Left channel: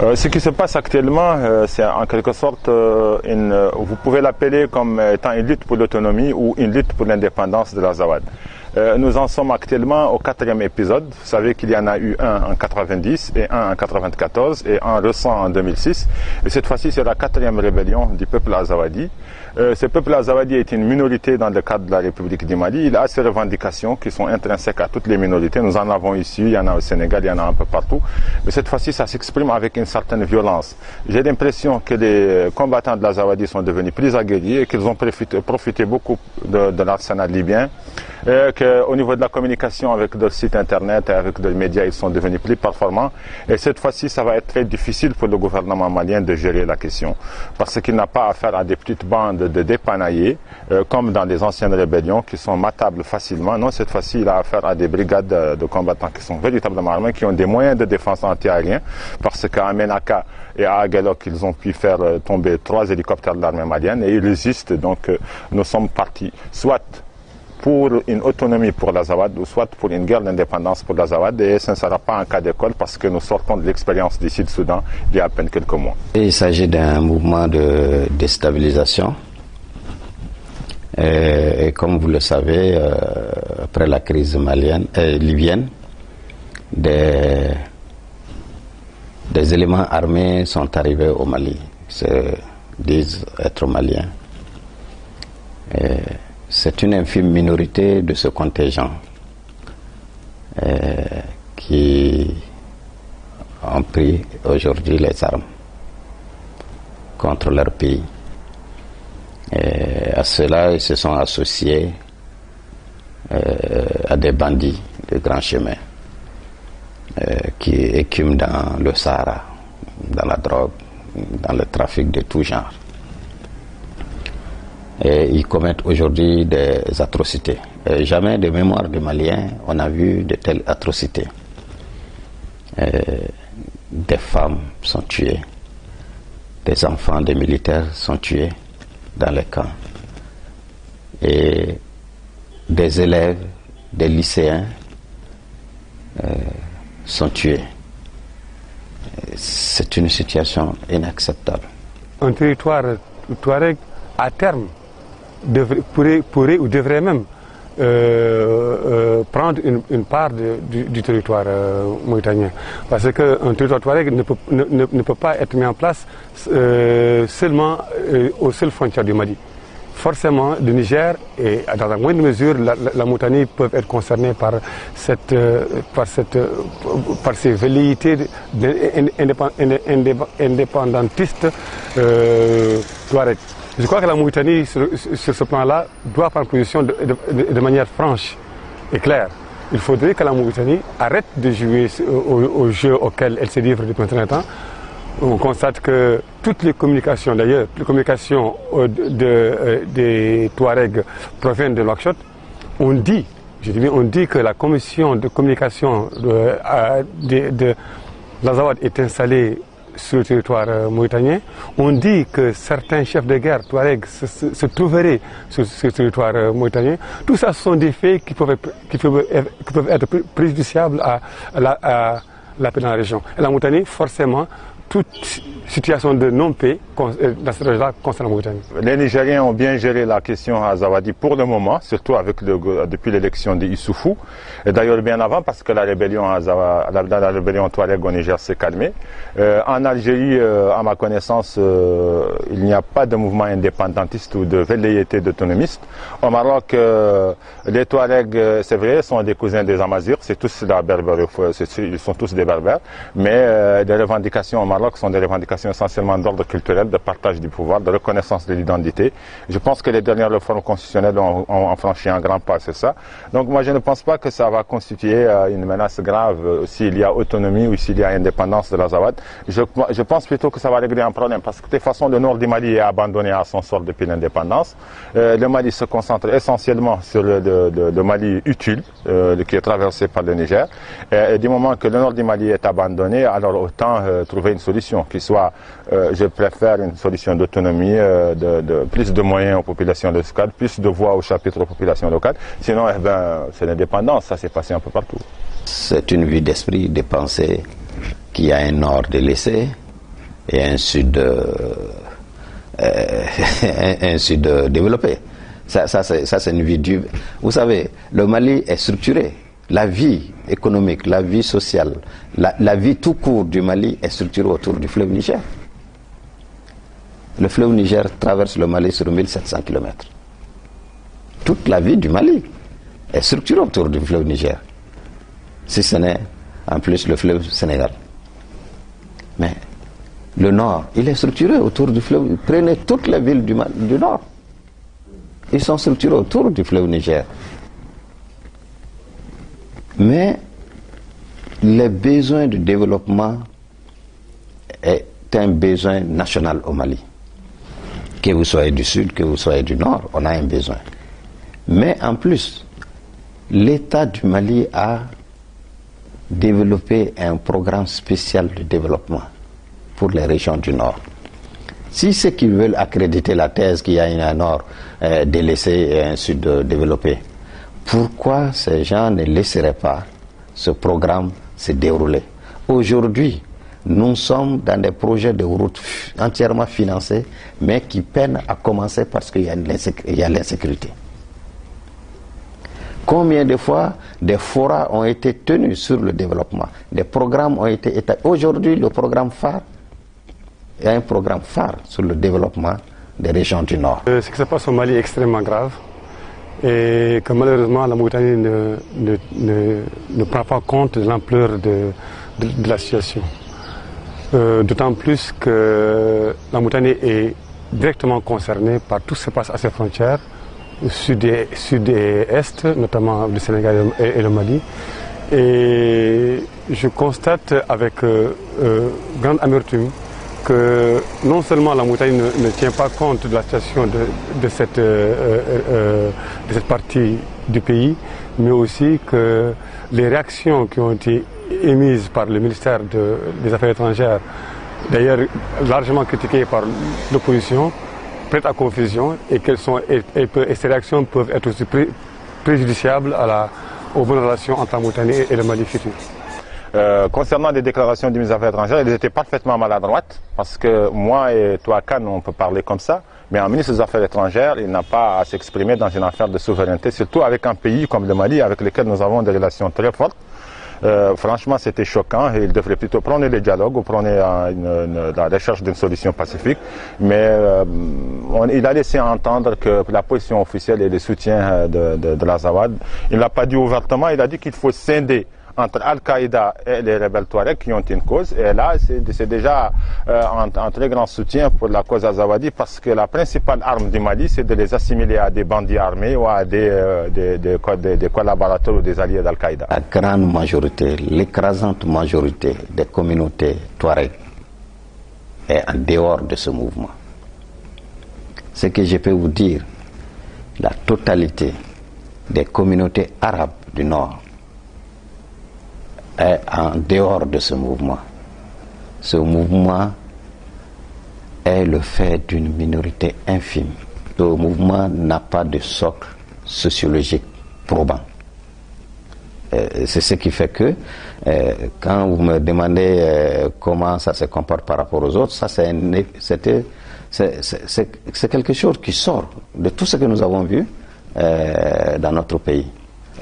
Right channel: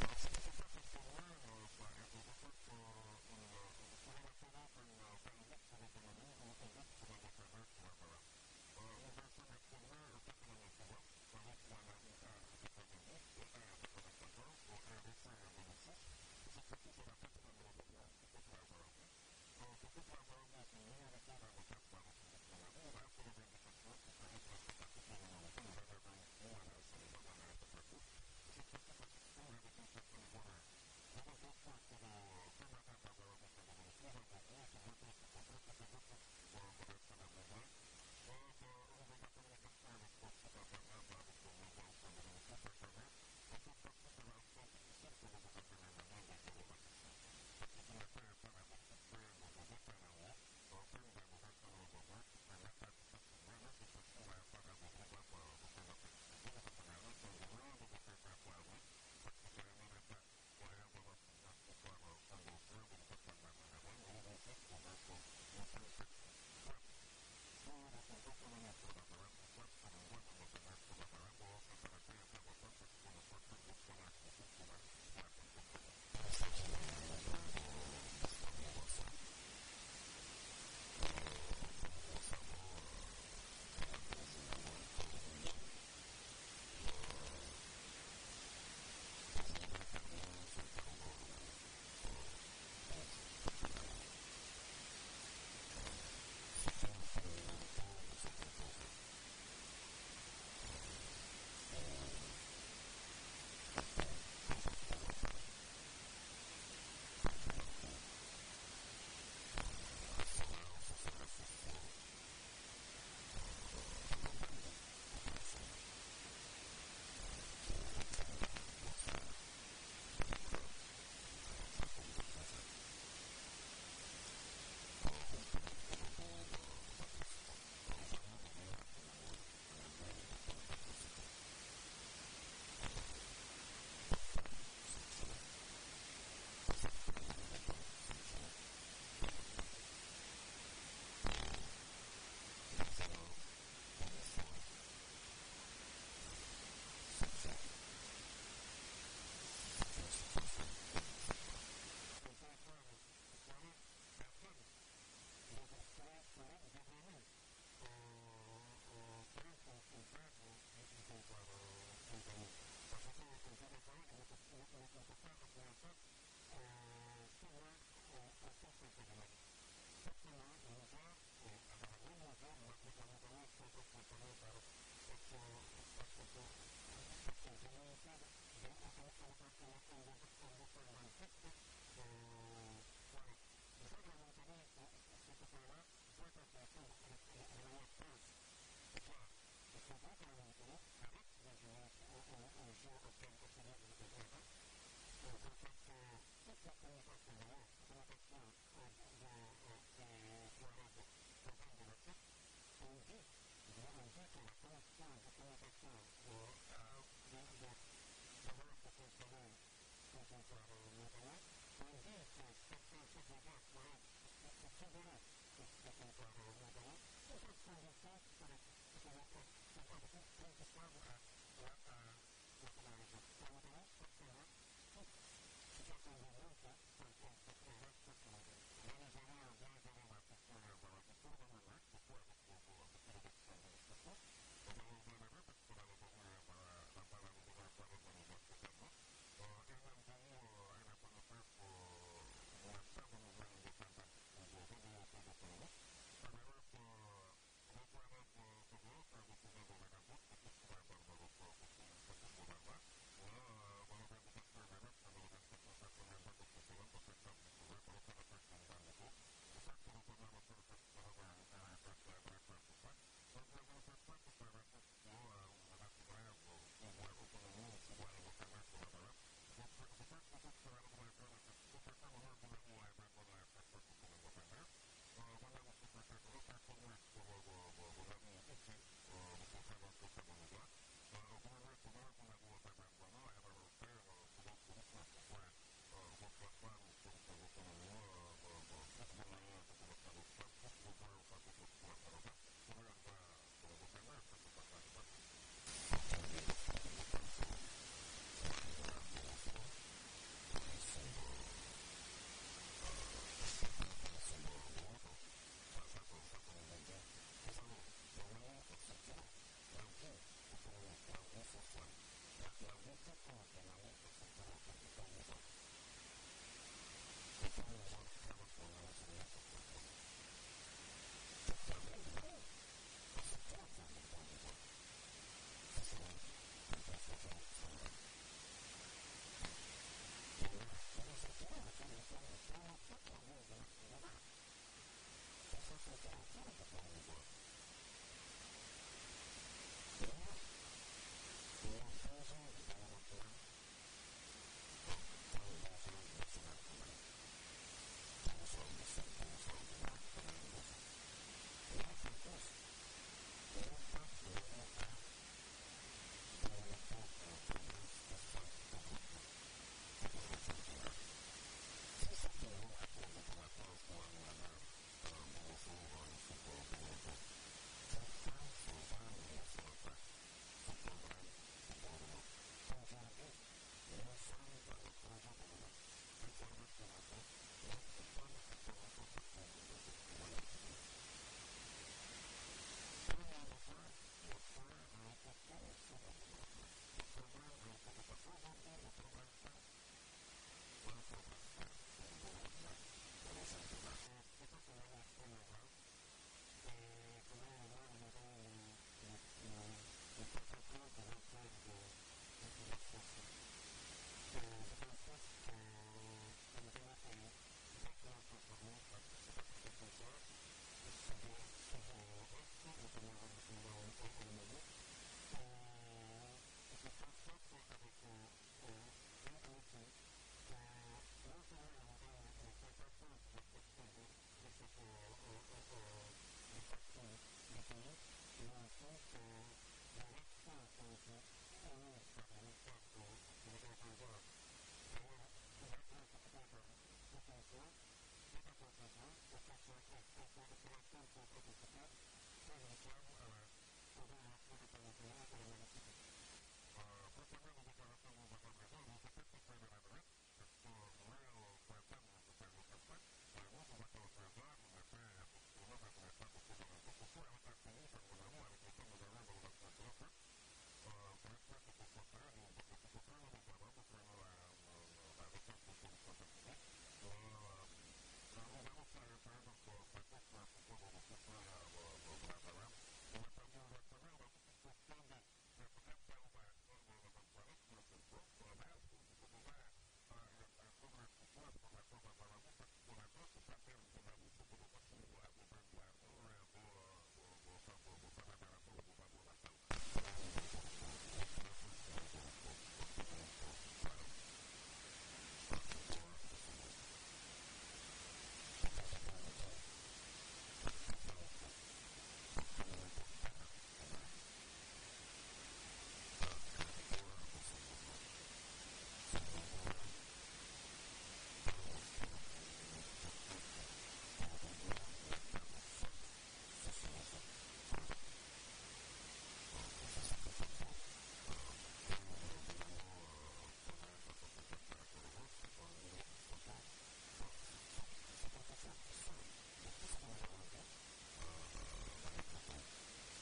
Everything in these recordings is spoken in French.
Ce qui se passe actuellement, c'est en quelque sorte, vous pouvez l'appeler comme étant une lutte pour l'autonomie ou une lutte pour l'indépendance de l'Azawad. Nous en sommes actuellement au 4e épisode. Vous savez qu'il y en a eu un en 90 et un en 94 et un récent en 2006. Et cette fois-ci, c'est la 4e rébellion du peuple azawadi. Ce peuple azawadi est une minorité dans le cadre de la République du Mali. Il a ses revendications qui sont intrinsèques à toutes les minorités. Nous en avons ici, il y en a au Sénégal, il y en a un peu partout. Mais cette fois-ci, ça s'exprime avec une certaine violence. J'ai l'impression que les combattants de l'Azawadi sont devenus plus aguerris et qu'ils ont profité beaucoup de l'arsenal libyen. Qu'au niveau de la communication avec leur site internet et avec les médias, ils sont devenus plus performants. Et cette fois-ci, ça va être très difficile pour le gouvernement malien de gérer la question. Parce qu'il n'a pas affaire à des petites bandes de dépanaillés, comme dans les anciennes rébellions, qui sont matables facilement. Non, cette fois-ci, il a affaire à des brigades de combattants qui sont véritablement armés, qui ont des moyens de défense antiaériens. Parce qu'à Menaka et à Aguelok, ils ont pu faire tomber 3 hélicoptères de l'armée malienne et ils résistent. Donc, nous sommes partis soit pour une autonomie pour l'Azawad ou soit pour une guerre d'indépendance pour l'Azawad, et ce ne sera pas un cas d'école parce que nous sortons de l'expérience du Sud-Soudan il y a à peine quelques mois. Il s'agit d'un mouvement de déstabilisation et comme vous le savez, après la crise libyenne, des éléments armés sont arrivés au Mali, se disent être maliens. C'est une infime minorité de ce contingent qui ont pris aujourd'hui les armes contre leur pays. Et à cela, ils se sont associés à des bandits de grand chemin qui écument dans le Sahara, dans la drogue, dans le trafic de tout genre. Et ils commettent aujourd'hui des atrocités. Et jamais de mémoire de Maliens, on a vu de telles atrocités. Des femmes sont tuées, des enfants des militaires sont tués dans les camps. Et des élèves, des lycéens sont tués. C'est une situation inacceptable. Un territoire touareg, à terme, pourrait ou devrait même prendre une part du territoire mauritanien. Parce qu'un territoire touareg ne peut pas être mis en place seulement aux seules frontières du Mali. Forcément, le Niger et dans la moindre mesure la Mauritanie peuvent être concernés par ces velléités indépendantistes touareg. Je crois que la Mauritanie, sur ce plan-là, doit prendre position de manière franche et claire. Il faudrait que la Mauritanie arrête de jouer au jeu auquel elle se livre depuis un certain temps. On constate que toutes les communications, d'ailleurs, les communications des Touaregs proviennent de Nouakchott. On dit que la commission de communication de l'Azawad est installée sur le territoire mauritanien. On dit que certains chefs de guerre touaregs se trouveraient sur ce territoire mauritanien. Tout ça, ce sont des faits qui peuvent être préjudiciables à la paix dans la région. Et la Mauritanie, forcément, toute situation de non-paix dans cette région-là concerne la Mauritanie. Les Nigériens ont bien géré la question azawadi pour le moment, surtout depuis l'élection d'Issoufou. Et d'ailleurs bien avant, parce que la rébellion touareg au Niger s'est calmée. En Algérie, à ma connaissance, il n'y a pas de mouvement indépendantiste ou de velléité d'autonomiste. Au Maroc, les Touaregs, c'est vrai, sont des cousins des Amazirs, c'est tous la berbère, ils sont tous des berbères, mais les revendications au Maroc sont des revendications essentiellement d'ordre culturel, de partage du pouvoir, de reconnaissance de l'identité. Je pense que les dernières réformes constitutionnelles ont franchi un grand pas, c'est ça. Donc moi je ne pense pas que ça va constituer une menace grave s'il y a autonomie ou s'il y a indépendance de l'Azawad. Je pense plutôt que ça va régler un problème parce que de toute façon le nord du Mali est abandonné à son sort depuis l'indépendance. Le Mali se concentre essentiellement sur le Mali utile qui est traversé par le Niger. Et du moment que le nord du Mali est abandonné, alors autant trouver une solution qui soit, je préfère une solution d'autonomie, de plus de moyens aux populations locales, plus de voix au chapitre aux populations locales. Sinon, c'est l'indépendance, ça s'est passé un peu partout. C'est une vue d'esprit de penser qu'il y a un nord délaissé et un sud, un sud développé. Ça c'est une vie dure. Vous savez, le Mali est structuré. La vie économique, la vie sociale, la vie tout court du Mali est structurée autour du fleuve Niger. Le fleuve Niger traverse le Mali sur 1700 km. Toute la vie du Mali est structurée autour du fleuve Niger. Si ce n'est en plus le fleuve Sénégal. Mais le nord, il est structuré autour du fleuve. Prenez toutes les villes du nord. Ils sont structurés autour du fleuve Niger. Mais le besoin de développement est un besoin national au Mali. Que vous soyez du sud, que vous soyez du nord, on a un besoin. Mais en plus, l'État du Mali a développé un programme spécial de développement pour les régions du nord. Si ceux qui veulent accréditer la thèse qu'il y a un nord délaissé et un sud développé, pourquoi ces gens ne laisseraient pas ce programme se dérouler? Aujourd'hui, nous sommes dans des projets de route entièrement financés, mais qui peinent à commencer parce qu'il y a l'insécurité. Combien de fois des forats ont été tenus sur le développement? Des programmes ont été établis. Aujourd'hui, le programme phare, il y a un programme phare sur le développement des régions du Nord. Ce qui se passe au Mali est extrêmement grave et que malheureusement la Mauritanie ne prend pas compte de l'ampleur de la situation. D'autant plus que la Mauritanie est directement concernée par tout ce qui se passe à ses frontières, sud et est, notamment le Sénégal et le Mali. Et je constate avec grande amertume que non seulement la Mauritanie ne tient pas compte de la situation de cette partie du pays, mais aussi que les réactions qui ont été émises par le ministère des Affaires étrangères, d'ailleurs largement critiquées par l'opposition, prêtent à confusion et ces réactions peuvent être aussi préjudiciables aux bonnes relations entre la Mauritanie et le Mali futur. Concernant les déclarations du ministre des Affaires étrangères, elles étaient parfaitement maladroites, parce que moi et toi, Khan, on peut parler comme ça, mais un ministre des Affaires étrangères, il n'a pas à s'exprimer dans une affaire de souveraineté, surtout avec un pays comme le Mali, avec lequel nous avons des relations très fortes. Franchement, c'était choquant et il devrait plutôt prendre le dialogue ou prendre la recherche d'une solution pacifique. Mais il a laissé entendre que la position officielle et le soutien de l'Azawad, il ne l'a pas dit ouvertement, il a dit qu'il faut scinder entre Al-Qaïda et les rebelles Touaregs qui ont une cause. Et là, c'est déjà un très grand soutien pour la cause azawadi, parce que la principale arme du Mali, c'est de les assimiler à des bandits armés ou à des collaborateurs ou des alliés d'Al-Qaïda. La grande majorité, l'écrasante majorité des communautés Touaregs est en dehors de ce mouvement. Ce que je peux vous dire, la totalité des communautés arabes du Nord est en dehors de ce mouvement. Ce mouvement est le fait d'une minorité infime. Ce mouvement n'a pas de socle sociologique probant. C'est ce qui fait que quand vous me demandez comment ça se comporte par rapport aux autres, ça c'est quelque chose qui sort de tout ce que nous avons vu dans notre pays.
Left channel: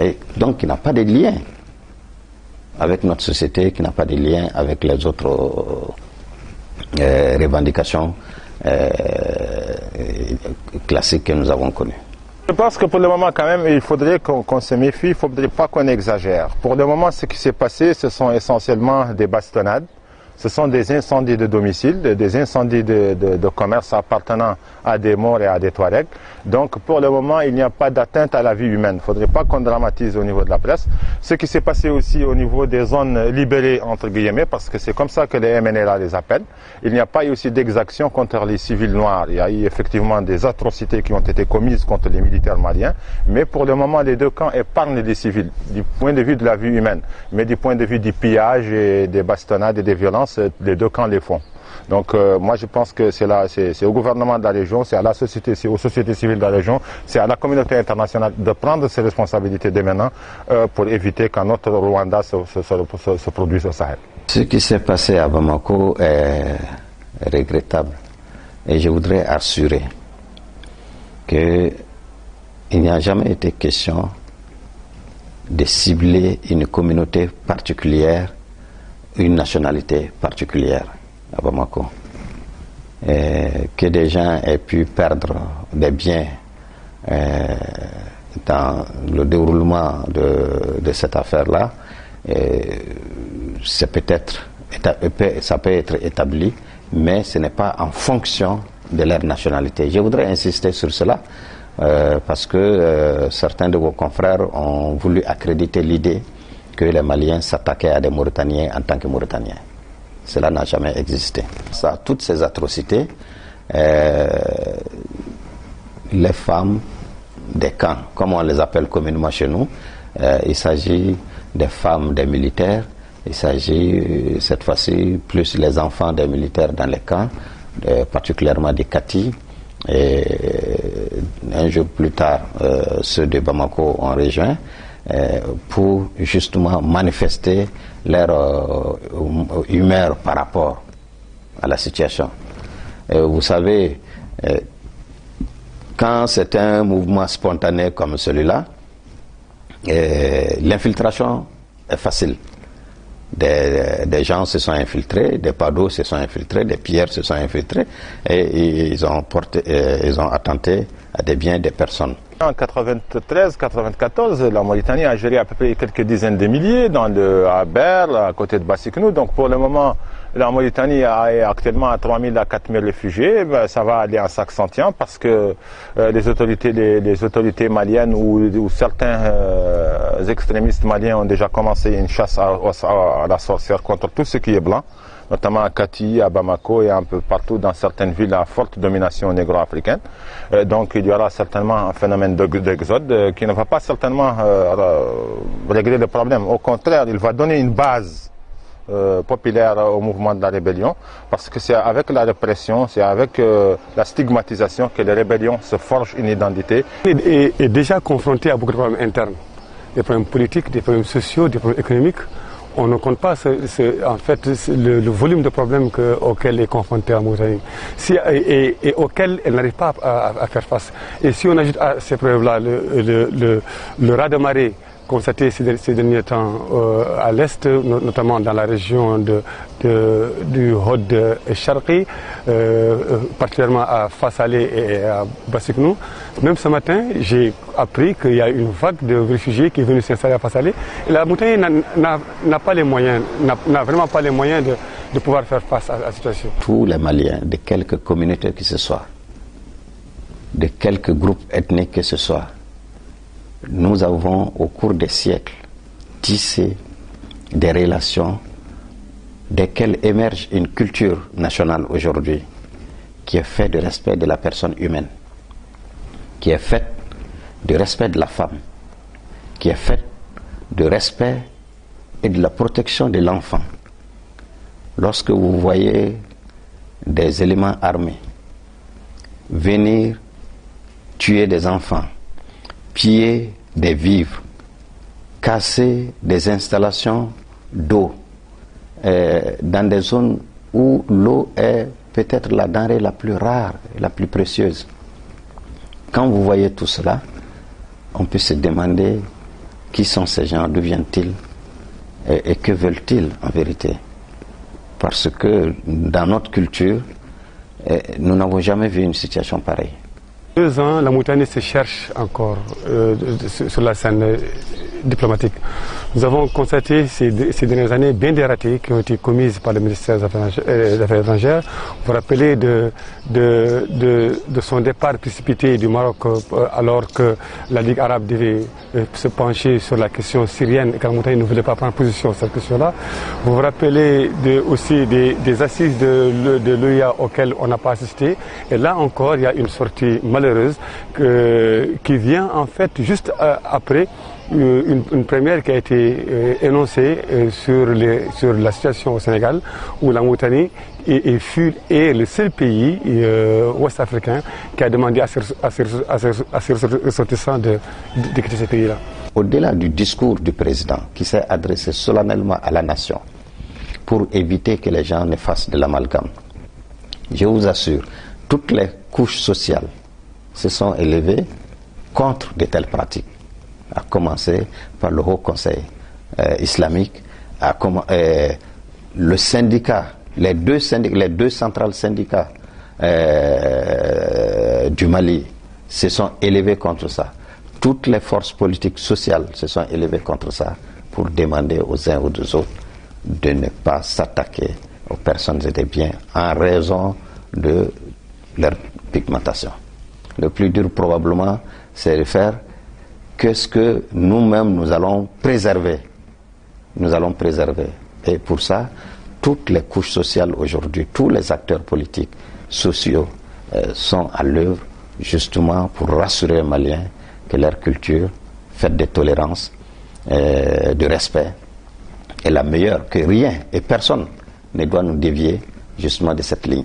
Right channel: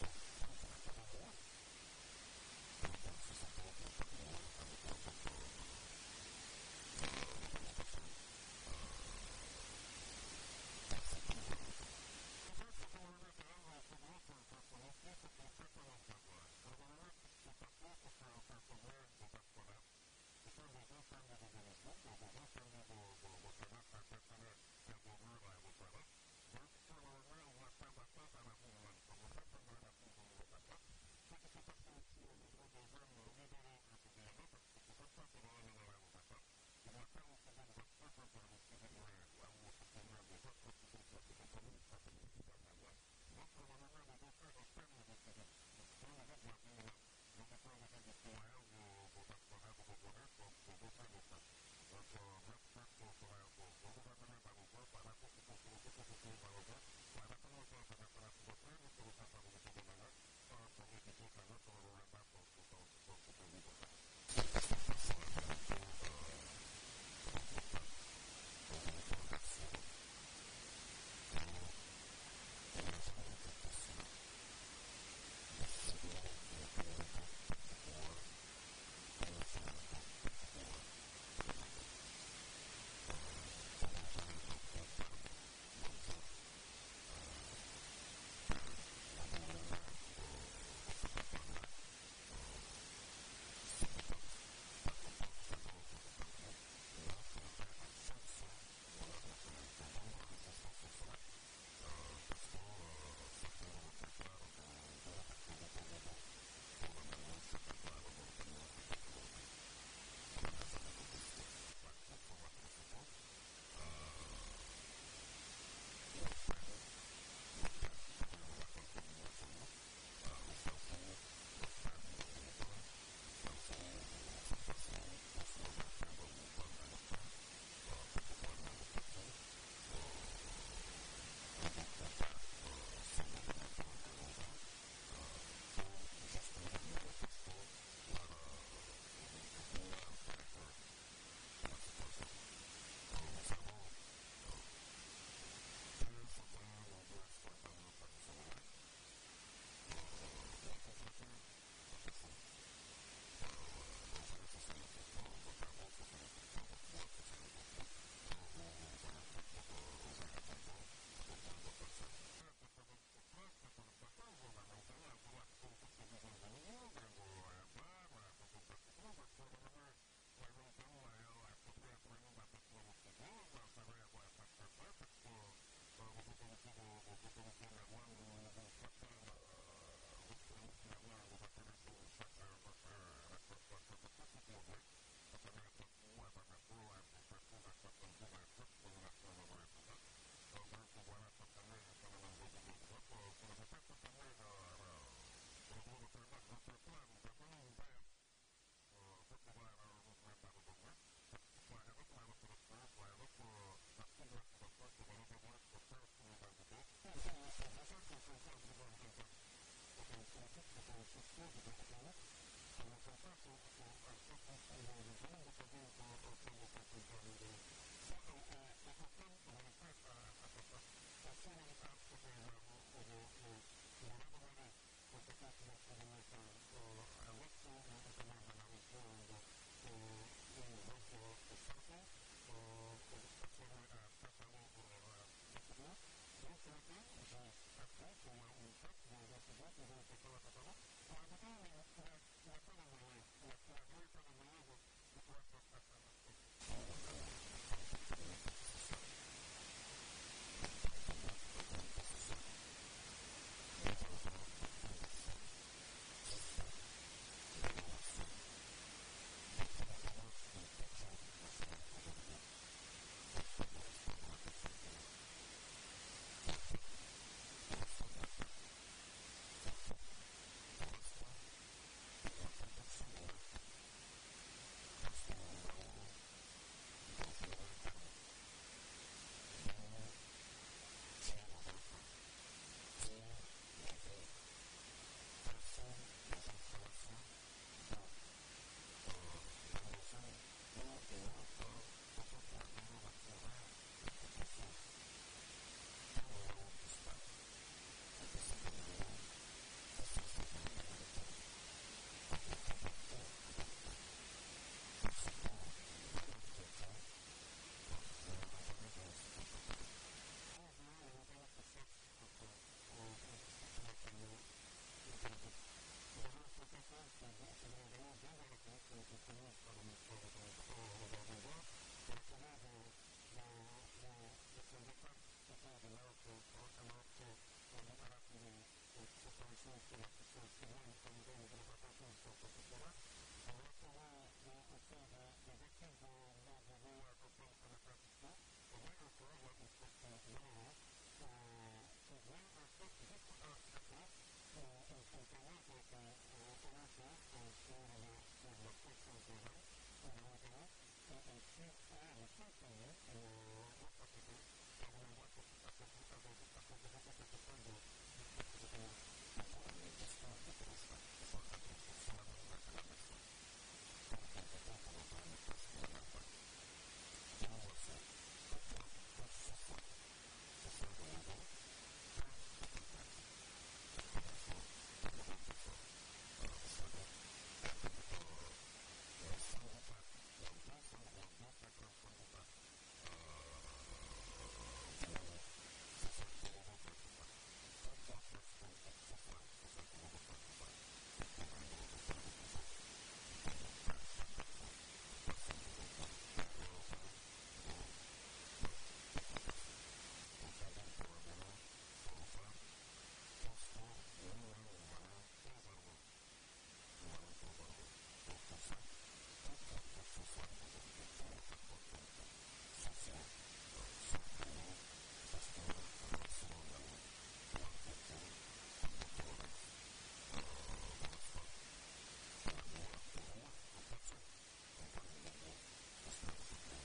Et donc il n'a pas de lien avec notre société, qui n'a pas de lien avec les autres revendications classiques que nous avons connues. Je pense que pour le moment, quand même, il faudrait qu'on se méfie, il ne faudrait pas qu'on exagère. Pour le moment, ce qui s'est passé, ce sont essentiellement des bastonnades, ce sont des incendies de domicile, des incendies de commerce appartenant à des morts et à des Touaregs. Donc pour le moment, il n'y a pas d'atteinte à la vie humaine. Il ne faudrait pas qu'on dramatise au niveau de la presse. Ce qui s'est passé aussi au niveau des zones libérées, entre guillemets, parce que c'est comme ça que les MNLA les appellent. Il n'y a pas eu aussi d'exactions contre les civils noirs. Il y a eu effectivement des atrocités qui ont été commises contre les militaires maliens. Mais pour le moment, les deux camps épargnent les civils, du point de vue de la vie humaine. Mais du point de vue du pillage et des bastonnades et des violences, les deux camps les font. Donc moi je pense que c'est au gouvernement de la région, c'est à la société, c'est aux sociétés civiles de la région, c'est à la communauté internationale de prendre ses responsabilités dès maintenant pour éviter qu'un autre Rwanda se produise au Sahel. Ce qui s'est passé à Bamako est regrettable. Et je voudrais assurer qu'il n'y a jamais été question de cibler une communauté particulière, une nationalité particulière à Bamako. Et que des gens aient pu perdre des biens dans le déroulement de cette affaire-là, ça peut être établi, mais ce n'est pas en fonction de leur nationalité. Je voudrais insister sur cela parce que certains de vos confrères ont voulu accréditer l'idée que les Maliens s'attaquaient à des Mauritaniens en tant que Mauritaniens. Cela n'a jamais existé. Ça, toutes ces atrocités, les femmes des camps, comme on les appelle communément chez nous, il s'agit des femmes des militaires, il s'agit cette fois-ci plus les enfants des militaires dans les camps, particulièrement des Kati, et un jour plus tard ceux de Bamako ont rejoint pour justement manifester leur humeur par rapport à la situation. Vous savez, quand c'est un mouvement spontané comme celui-là, l'infiltration est facile. Des gens se sont infiltrés, des pados se sont infiltrés, des pierres se sont infiltrés et ils ont attenté à des biens des personnes. En 93-94, la Mauritanie a géré à peu près quelques dizaines de milliers à Berle, à côté de Bassiknou. Donc pour le moment, la Mauritanie est actuellement à 3 000 à 4 000 réfugiés. Ça va aller en s'accentuant parce que les autorités maliennes ou certains extrémistes maliens ont déjà commencé une chasse à la sorcière contre tout ce qui est blanc, notamment à Kati, à Bamako et un peu partout dans certaines villes à forte domination négro-africaine. Donc il y aura certainement un phénomène d'exode qui ne va pas certainement régler le problème. Au contraire, il va donner une base populaire au mouvement de la rébellion, parce que c'est avec la répression, c'est avec la stigmatisation que les rébellions se forgent une identité. Et déjà confronté à beaucoup de problèmes internes, des problèmes politiques, des problèmes sociaux, des problèmes économiques. On ne compte pas en fait le volume de problèmes auxquels est confrontée la Mauritanie et auxquels elle n'arrive pas à faire face. Et si on ajoute à ces preuves-là le raz-de-marée constaté ces derniers temps à l'est, notamment dans la région du Hod Sharqi, particulièrement à Fassalé et à Bassiknou. Même ce matin, j'ai appris qu'il y a une vague de réfugiés qui est venue s'installer à Fassalé. Et la Mauritanie n'a pas les moyens, n'a vraiment pas les moyens de pouvoir faire face à la situation. Tous les Maliens, de quelque communauté que ce soit, de quelque groupe ethnique que ce soit, nous avons au cours des siècles tissé des relations desquelles émerge une culture nationale aujourd'hui qui est faite de respect de la personne humaine, qui est faite de respect de la femme, qui est faite de respect et de la protection de l'enfant. Lorsque vous voyez des éléments armés venir tuer des enfants, piller des vivres, casser des installations d'eau dans des zones où l'eau est peut-être la denrée la plus rare, la plus précieuse. Quand vous voyez tout cela, on peut se demander qui sont ces gens, d'où viennent-ils et que veulent-ils en vérité. Parce que dans notre culture, nous n'avons jamais vu une situation pareille. 2 ans, la Mauritanie se cherche encore sur la scène diplomatique. Nous avons constaté ces dernières années bien des ratés qui ont été commises par le ministère des Affaires étrangères. Vous vous rappelez de son départ précipité du Maroc alors que la Ligue arabe devait se pencher sur la question syrienne et que la Mauritanie ne voulait pas prendre position sur cette question-là. Vous vous rappelez aussi des assises de l'OIA auxquelles on n'a pas assisté. Et là encore, il y a une sortie malheureuse qui vient en fait juste après une première qui a été énoncée sur la situation au Sénégal, où la Mauritanie est le seul pays ouest-africain qui a demandé à ses ressortissants de quitter ce pays-là. Au-delà du discours du président qui s'est adressé solennellement à la nation pour éviter que les gens ne fassent de l'amalgame, je vous assure, toutes les couches sociales se sont élevées contre de telles pratiques, à commencer par le Haut Conseil islamique, le syndicat, les deux centrales syndicats du Mali se sont élevés contre ça. Toutes les forces politiques sociales se sont élevées contre ça pour demander aux uns ou aux autres de ne pas s'attaquer aux personnes et des biens en raison de leur pigmentation. Le plus dur probablement, c'est de faire qu'est-ce que nous-mêmes nous allons préserver. Nous allons préserver. Et pour ça, toutes les couches sociales aujourd'hui, tous les acteurs politiques, sociaux sont à l'œuvre justement pour rassurer les Maliens que leur culture, faite de tolérance, de respect, est la meilleure, que rien et personne ne doit nous dévier justement de cette ligne.